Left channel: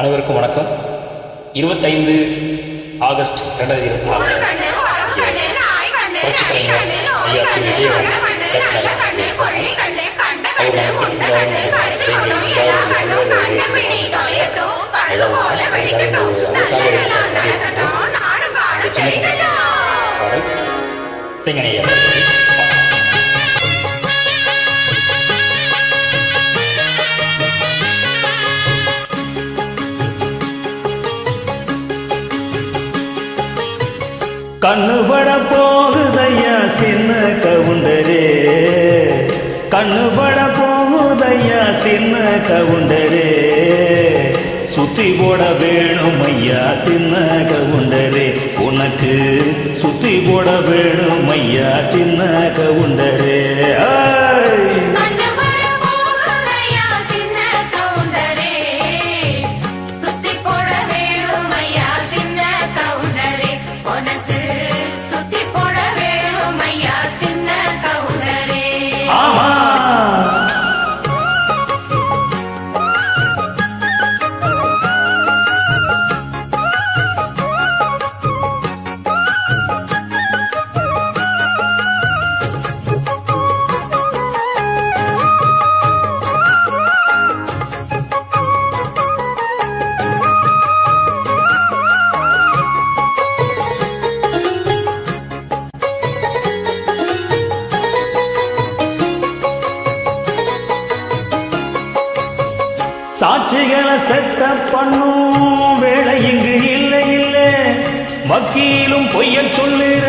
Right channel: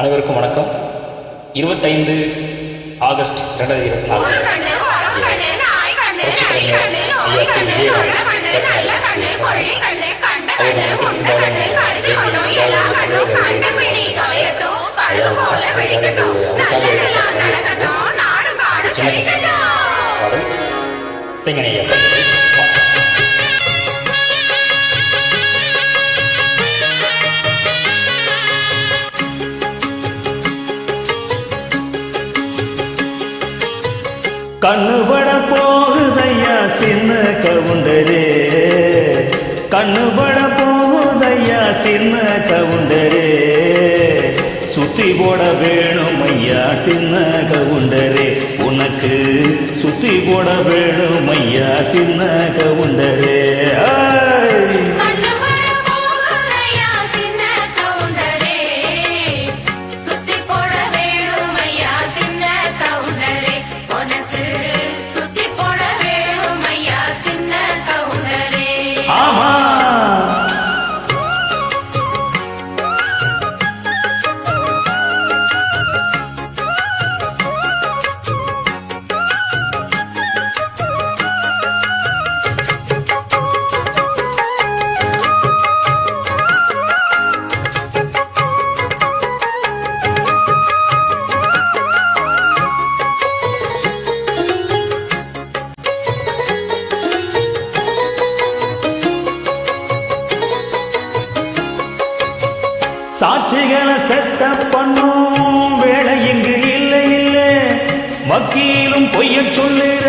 அனைவருக்கும் வணக்கம். 25 ஆகஸ்ட் 2024 புரட்சிக் கலைஞர் ஐயா திரு விஜயகாந்த் அவர் நம்ம விட்டு இருந்தாலும் எங்கள் எல்லாரும் தமிழக தேசத்தில் வாழ்ந்தாங்க. அவருக்காக பண்ணியிருக்காங்க. அந்த சின்ன பாடல் சிங்கன் ஐயா கண்ணுபட போகுதையா சின்ன கவுண்டரே, கண்ணுபட போகுதையா சின்ன கவுண்டரே, சுத்தி போட வேணும் ஐயா சின்ன கவுண்டரே, உனக்கு சுத்தி போட வேணும் ஐயா சின்ன கவுண்டரே. ஆமா, சாட்சிகளை செட்ட பண்ணும் வேலை இங்கு இல்லை இல்லை, வக்கீலும் பொய்ய சொல்லுற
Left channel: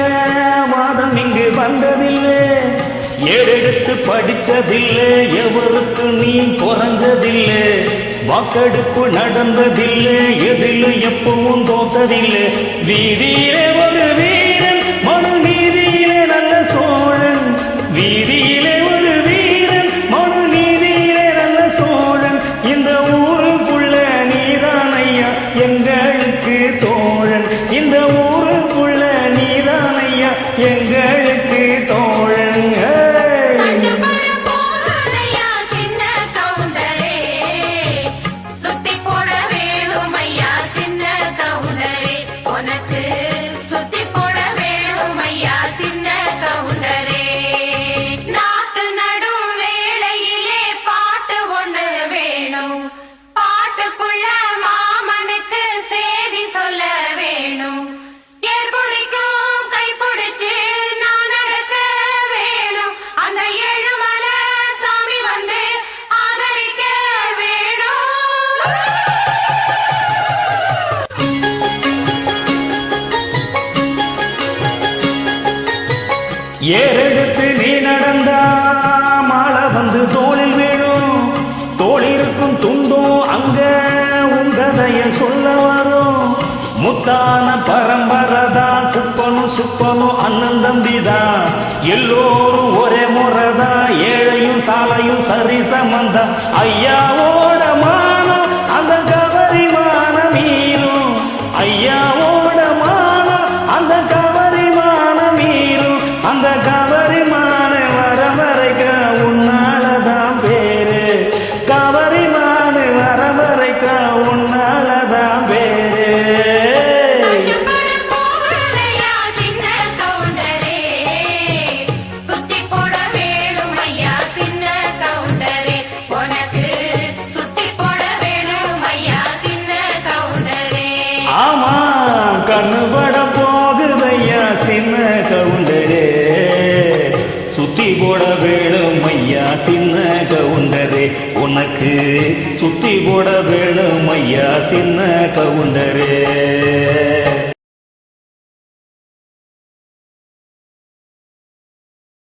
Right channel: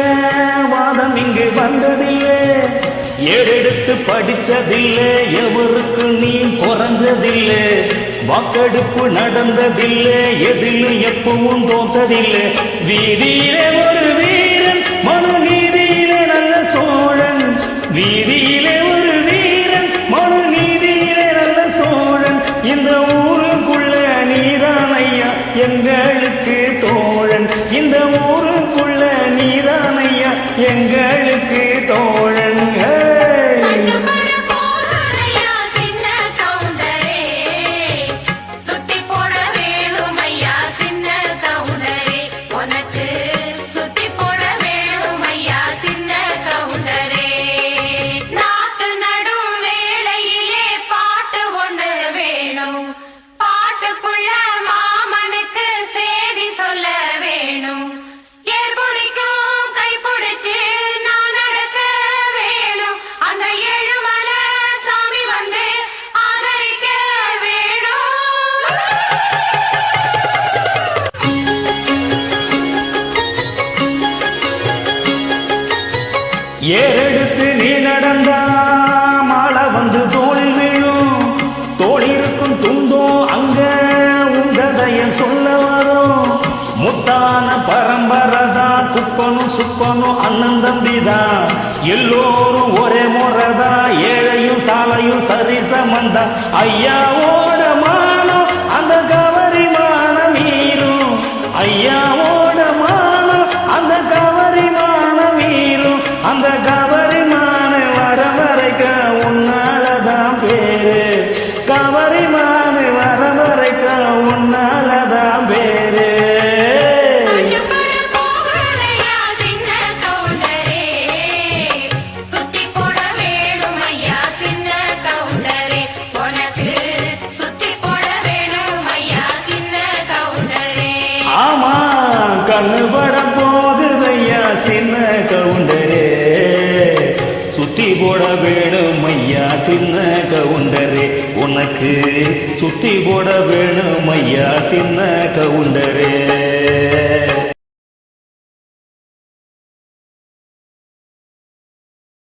வாதம் இங்கு வந்ததில்லை, ஏறெடுத்து படிச்சதில்லை, எவருக்கு நீ குறைஞ்சதில்லை, வாக்கெடுப்பு நடந்ததில்லை, எதிலும் எப்பவும் தோத்ததில்லை, வீதியிலே ஒரு வீரன் மனு நீதியிலே நல்ல சோழன், வீதியிலே ஒரு வீரன் மனு நீதியிலே நல்ல சோழன், இந்த ஊருக்குள்ள நீதான் ஐயா எங்களுக்கு தோழன், இந்த ஊருக்குள்ள நீதான் ஐயா எங்களுக்கு தோழன். ஏறெடுத்து நீ நடந்தா மாலை வந்து தோளில் வீழும், தோளிருக்கும் துண்டும் அங்க உங்கதைய சொல்ல வரும், முத்தான பரம்பரைதான் குப்பனும் சுப்பனும் அண்ணன் தம்பிதான், எல்லோரும் ஒரே முறைதான், ஏழையும் சாலையும் சரி சமந்தா, ஐயாவோட மானம் அந்த கவரி மானம் மீறும், ஐயாவோட மானம் அந்த கவரி மானம் மீறும், அந்த கவரிமான வரமறைக்க உன்னாலதான் பேரு, கவரிமான வரமறைக்க உன்னாலதான் பேரு. ஆமா, கண்ணுபட போகுதையா சின்ன கவுண்டரே, சுத்தி போட வேணும் ஐயா சின்ன கவுண்டரே, உனக்கு சுத்தி போட வேணும் ஐயா சின்ன கவுண்டரே.